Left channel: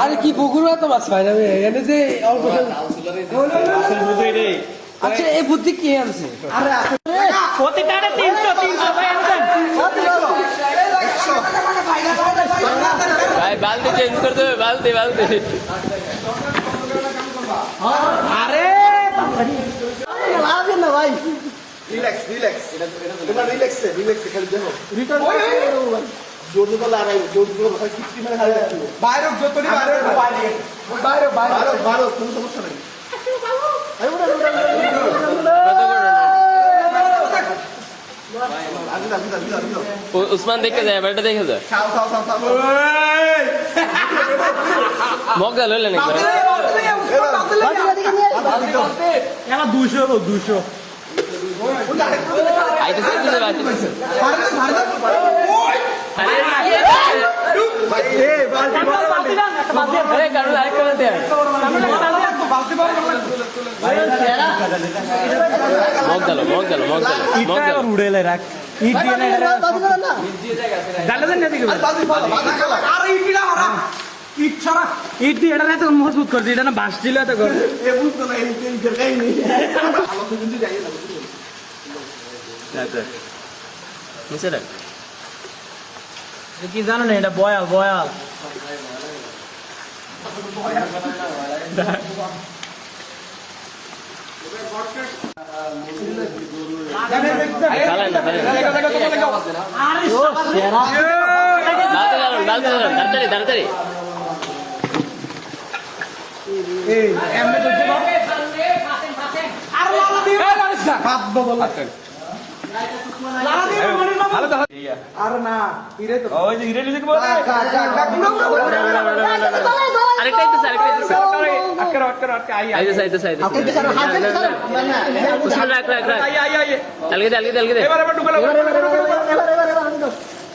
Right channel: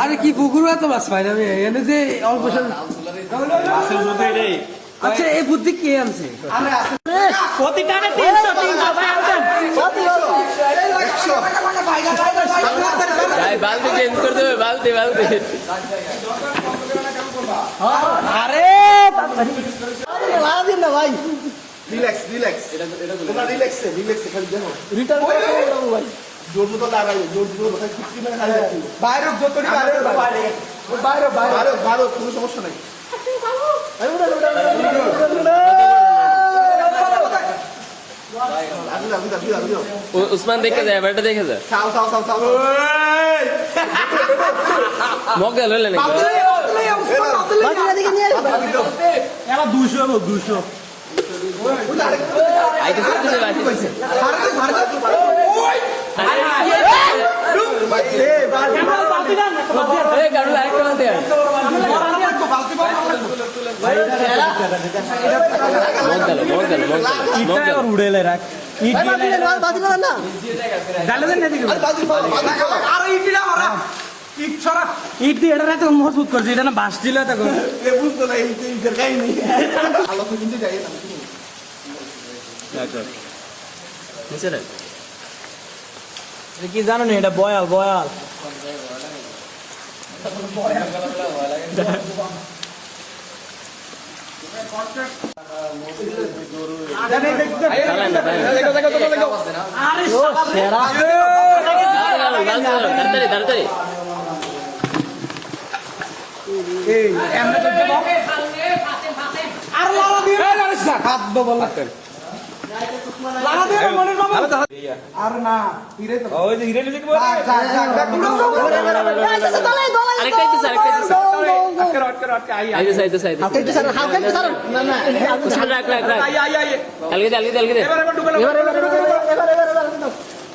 আরে কি পুকুর এত মাছ পাই না এনে যে অল্প আচ্ছা এই বুদ্ধি কে আনছে? ভাই বালতি চেঞ্জ করে দেবে বালতি বালতি। আরে রিল্যাক্স রিল্যাক্স তোমরা রিল্যাক্স রিল্যাক্স খালি দেখো জোর জোর লাগাই জোর জোর খালি কিচ্ছু না খালি রাখো। বাইরে যত বাইরে বাইরে বাইরে বাইরে। বাইরে কোনো সমস্যা নেই। আবিদা আবিদা আবিদা আবিদা উসমান দেখে যায় ব্যাটা দেখে যায় মগল হলে নাকি? ভাই? আইতেছে আইতেছে? আরে উড়েলে রাখ ইট দিয়ে না ডালে দেন না দিকে ইট দিয়ে এটা তো মজবুত করছে এটা না বাস দিলে তো করে। এ বুঝতো না এই এই দেখাই নি আলো তো কিন্তু যাই না রাখ, রাখ। নিচে রাখ। কি জানো না এটা বয়াল বয়াল। চালান না, তাড়াতাড়ি তাড়াতাড়ি আরেকটা আইতেছে আরেকটা আইতেছে আইতেছে আইতেছে আইতেছে উসমান রাখ রাখ রাখ আলগে দে আলগে দে আলগে দে ওই বাতিটা উঠাও তাজু ভাই বালতি ডালো বালতি দোলো না তাড়াতাড়ি তাড়াতাড়ি এমনিতে উসমান একটু নিচে রে কিন্তু বালতি দিয়ে আর দেখ সিরা দিয়ে দিলে কিসমত নাই এটা কিসমত না এটা সব কে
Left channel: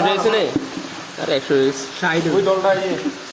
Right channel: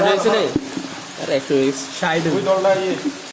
রয়েছে নে আরে একশো ওই দলটা ইয়ে